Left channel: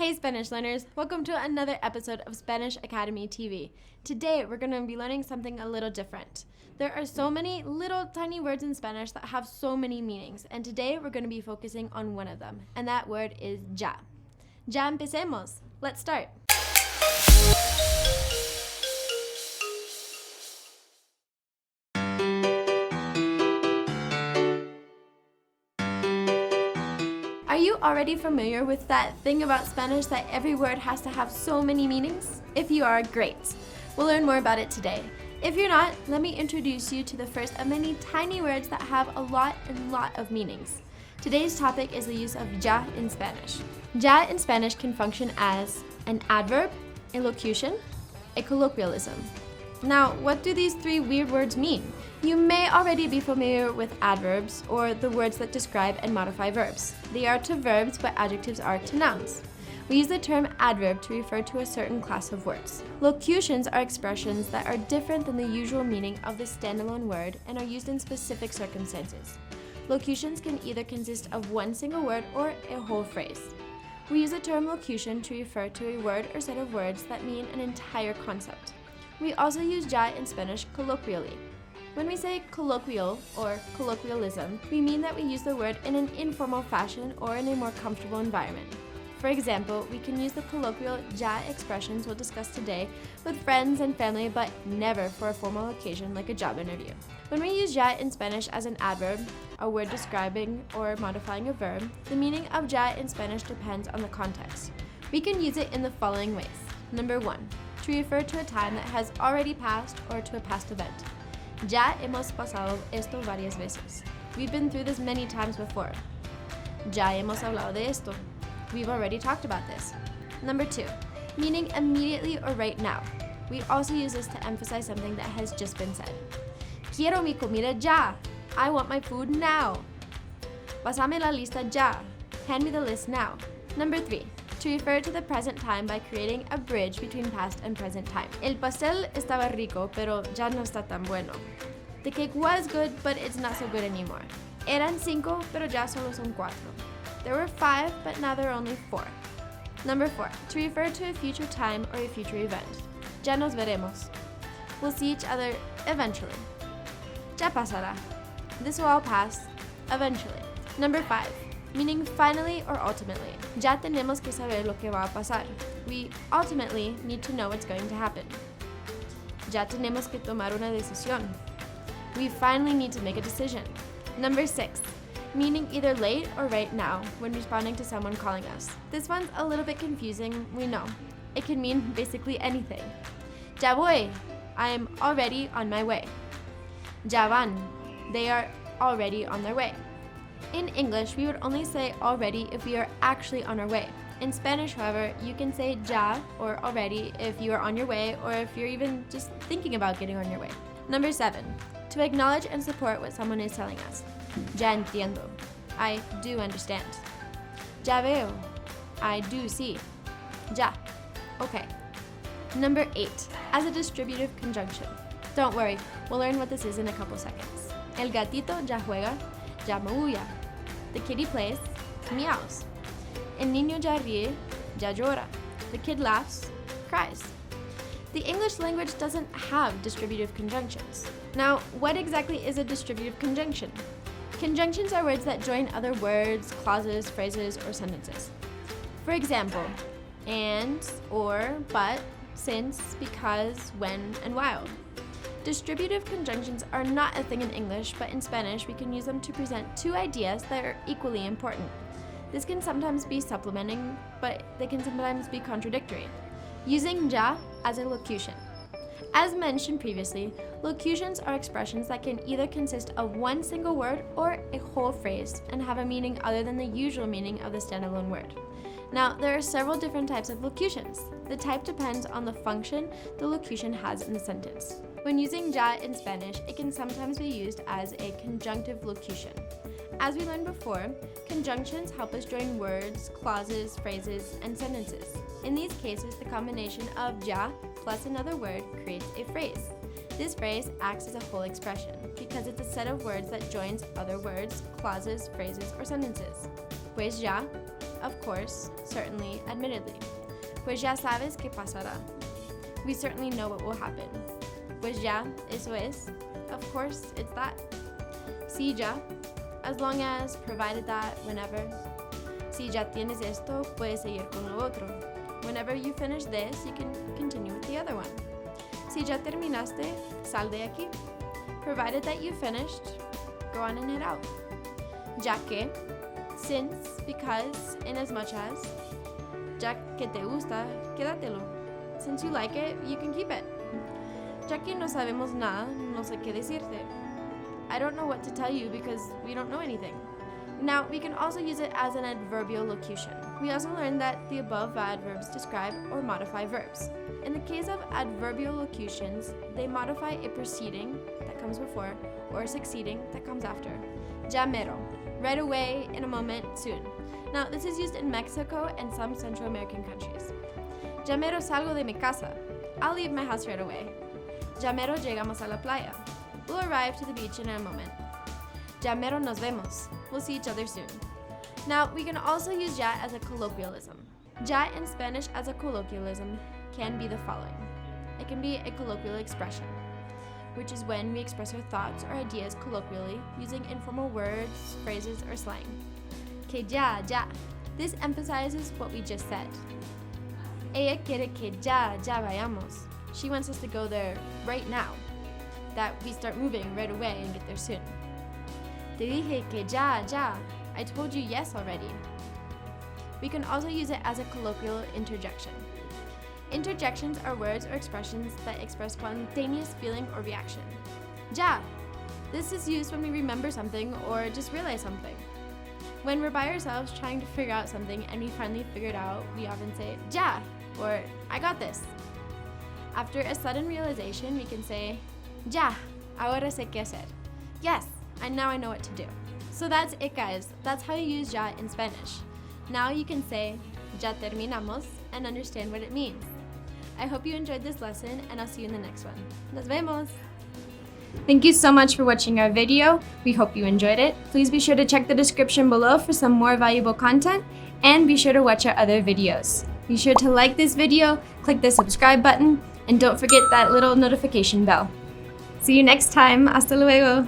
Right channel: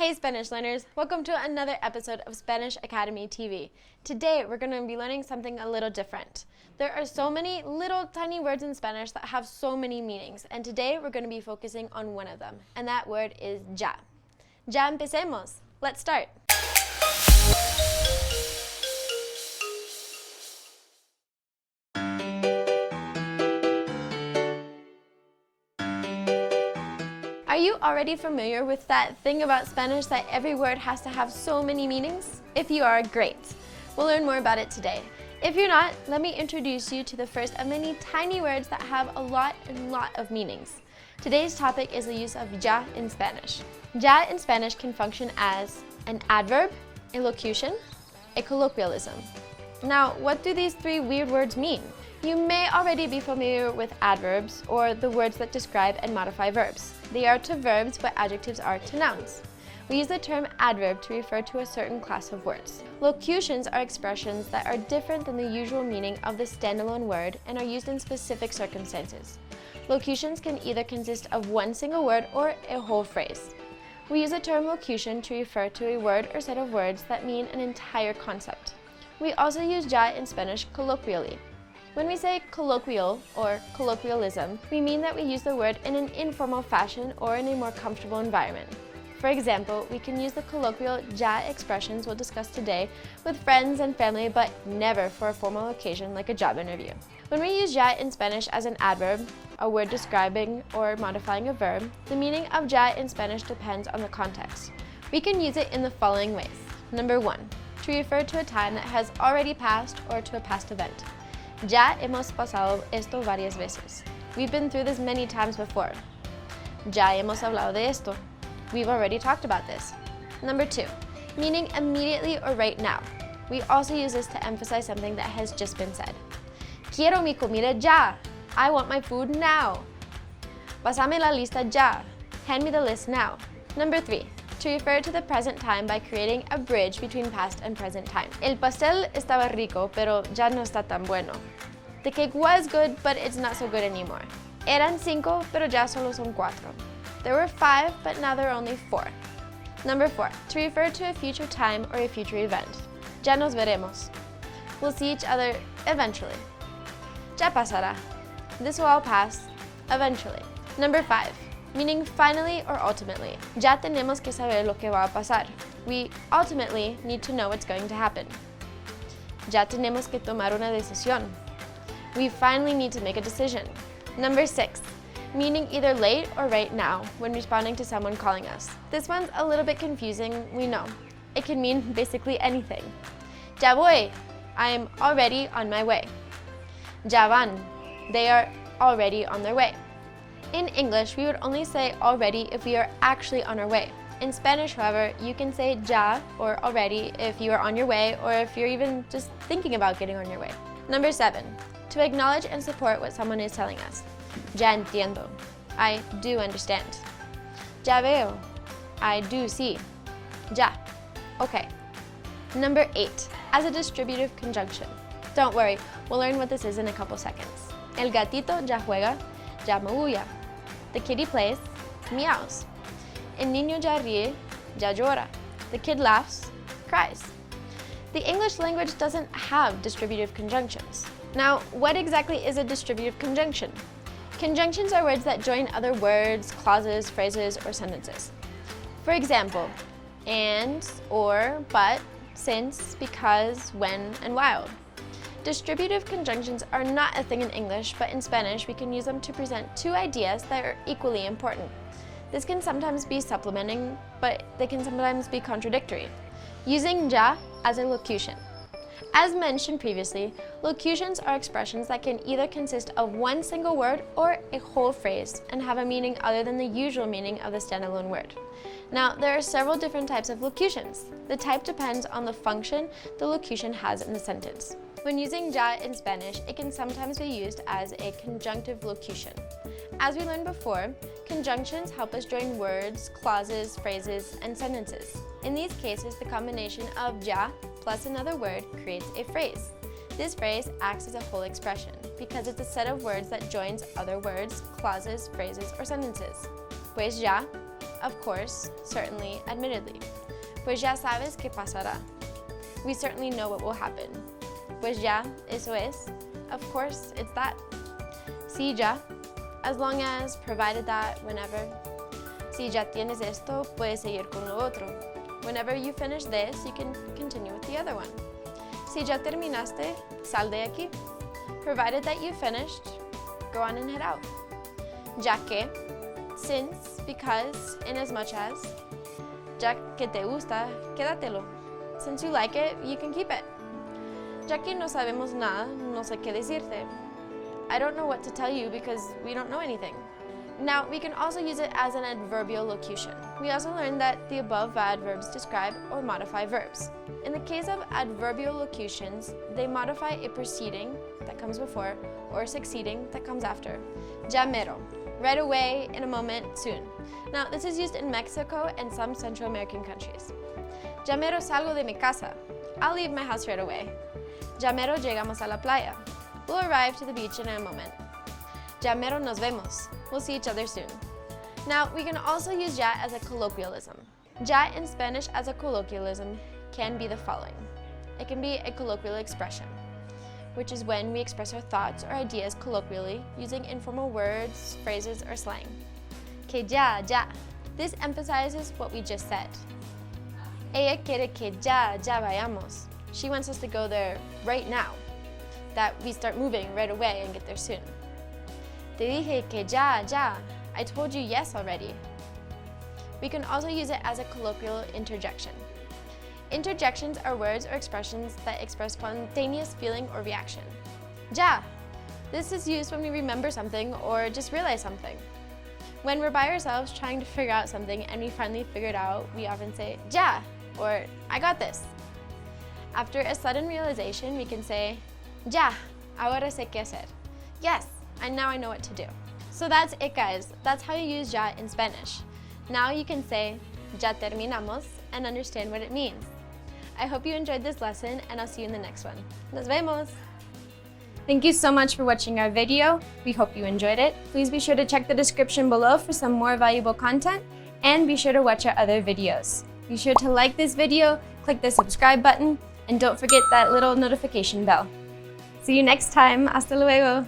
Hey Spanish learners, welcome to another episode of Spanish Academy TV. Today we're going to be learning something a little different. There are so many little tiny words in Spanish that have so many meanings, and today we're going to be focusing on one of them, and that word is ya. Ya empecemos. Let's start. Are you already familiar with that thing about Spanish that every word has to have so many meanings? If you are, great. We'll learn more about it today. If you're not, let me introduce you to the first of many tiny words that have a lot of meanings. Today's topic is the use of ya in Spanish. Ya in Spanish can function as an adverb, a locution, a colloquialism. Now, what do these three weird words mean? You may already be familiar with adverbs, or the words that describe and modify verbs. They are to verbs, but adjectives are to nouns. We use the term adverb to refer to a certain class of words. Locutions are expressions that are different than the usual meaning of the standalone word and are used in specific circumstances. Locutions can either consist of one single word or a whole phrase. We use the term locution to refer to a word or set of words that mean an entire concept. We also use ya in Spanish colloquially. When we say colloquial or colloquialism, we mean that we use the word in an informal fashion or in a more comfortable environment. For example, we can use the colloquial ya expressions we'll discuss today with friends and family, but never for a formal occasion like a job interview. When we use ya in Spanish as an adverb, a word describing or modifying a verb, the meaning of ya in Spanish depends on the context. We can use it in the following ways. Number 1, to refer to a time that has already passed or to a past event. Ya hemos pasado esto varias veces. We've been through this many times before. Ya hemos hablado de esto. We've already talked about this. Number 2, meaning immediately or right now. We also use this to emphasize something that has just been said. Quiero mi comida ya. I want my food now. Pásame la lista ya. Hand me the list now. Number 3, to refer to the present time by creating a bridge between past and present time. El pastel estaba rico, pero ya no está tan bueno. The cake was good, but it's not so good anymore. Eran 5, pero ya solo son 4. There were 5, but now there are only 4. Number 4, to refer to a future time or a future event. Ya nos veremos. We'll see each other eventually. Ya pasará. This will all pass eventually. Number 5, meaning finally or ultimately. Ya tenemos que saber lo que va a pasar. We ultimately need to know what's going to happen. Ya tenemos que tomar una decisión. We finally need to make a decision. Number 6, meaning either late or right now when responding to someone calling us. This one's a little bit confusing, we know. It can mean basically anything. Ya voy. I am already on my way. Ya van. They are already on their way. In English, we would only say already if we are actually on our way. In Spanish, however, you can say ya or already if you are on your way or if you're even just thinking about getting on your way. Number 7, to acknowledge and support what someone is telling us. Ya entiendo. I do understand. Ya veo. I do see. Ya. Okay. Number 8, as a distributive conjunction. Don't worry, we'll learn what this is in a couple seconds. El gatito ya juega, ya maulla. The kitty plays, meows. El niño ya ríe, ya llora. The kid laughs, cries. The English language doesn't have distributive conjunctions. Now, what exactly is a distributive conjunction? Conjunctions are words that join other words, clauses, phrases, or sentences. For example, and, or, but, since, because, when, and while. Distributive conjunctions are not a thing in English, but in Spanish we can use them to present two ideas that are equally important. This can sometimes be supplementing, but they can sometimes be contradictory. Using ya as a locution. As mentioned previously, locutions are expressions that can either consist of one single word or a whole phrase and have a meaning other than the usual meaning of the standalone word. Now, there are several different types of locutions. The type depends on the function the locution has in the sentence. When using ya in Spanish, it can sometimes be used as a conjunctive locution. As we learned before, conjunctions help us join words, clauses, phrases, and sentences. In these cases, the combination of ya plus another word creates a phrase. This phrase acts as a full expression because it's a set of words that joins other words, clauses, phrases, or sentences. Pues ya, of course, certainly, admittedly. Pues ya sabes qué pasará. We certainly know what will happen. Pues ya, eso es. Of course, it's that. Sí, ya. As long as, provided that, whenever. Si ya tienes esto, puedes seguir con lo otro. Whenever you finish this, you can continue with the other one. Si ya terminaste, sal de aquí. Provided that you finished, go on and head out. Ya que, since, because, inasmuch as. Ya que te gusta, quédatelo. Since you like it, you can keep it. Ya que no sabemos nada, no sé qué decirte. I don't know what to tell you because we don't know anything. Now, we can also use it as an adverbial locution. We also learned that the above adverbs describe or modify verbs. In the case of adverbial locutions, they modify a preceding that comes before or succeeding that comes after. Ya mero, right away, in a moment, soon. Now, this is used in Mexico and some Central American countries. Ya mero salgo de mi casa. I'll leave my house right away. Ya mero llegamos a la playa. We'll arrive to the beach in a moment. Ya mero nos vemos. We'll see each other soon. Now, we can also use ya as a colloquialism. Ya in Spanish as a colloquialism can be the following. It can be a colloquial expression, which is when we express our thoughts or ideas colloquially using informal words, phrases, or slang. Que ya. This emphasizes what we just said. Ella quiere que ya vayamos. She wants us to go there right now. That we start moving right away and get there soon. Te dije que ya. I told you yes already. We can also use it as a colloquial interjection. Interjections are words or expressions that express spontaneous feeling or reaction. Ya. This is used when we remember something or just realize something. When we're by ourselves trying to figure out something and we finally figure it out, we often say, ya, or I got this. After a sudden realization, we can say, ya, ahora sé qué hacer. Yes, and now I know what to do. So that's it, guys. That's how you use ya in Spanish. Now you can say, ya terminamos, and understand what it means. I hope you enjoyed this lesson, and I'll see you in the next one. Nos vemos! Thank you so much for watching our video. We hope you enjoyed it. Please be sure to check the description below for some more valuable content, and be sure to watch our other videos. Be sure to like this video, click the subscribe button, and don't forget that little notification bell. See you next time. Hasta luego!